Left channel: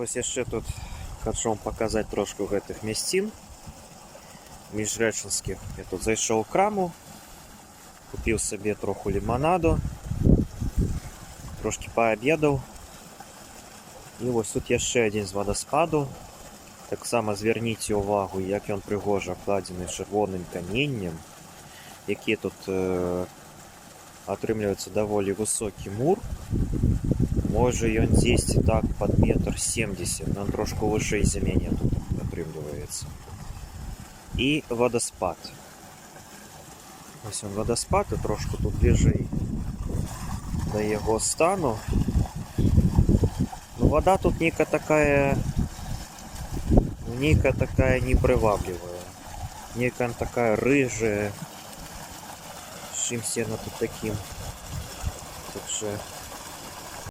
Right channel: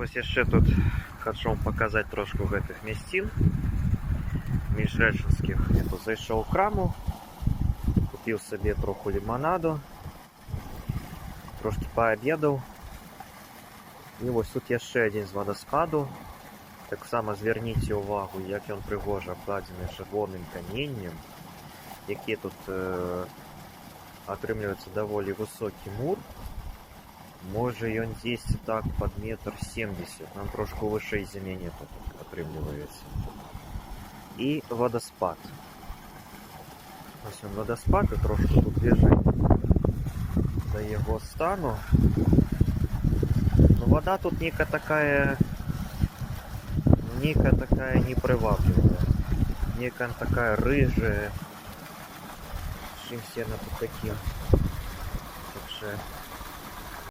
Ось яшчэ тут хочу вам показаць трошку гэтых мясцін міжрэчанскіх. Я тут зайшоў у краму, купіў сабе троху ліманаду, трошки паабедаў. І вось тут яшчэ адзін з вадаспаду. Таксама звярніце ўвагу, як ён прыгожа абкладзены чырвоным каменнем, які тут атрымліваецца даволі высокі мур. Можа ён дзесьці так пад 1,70 м, ён трошку вышэй за мяне тут атрымліваецца. І вадаспад. Ось ён вадаспад, і трошку тут бліжэй да яго стану. Ну, вода тут нейкая такая непрываблівая. Нейкая такая рыжая. Чымсь яна тут такім. Так що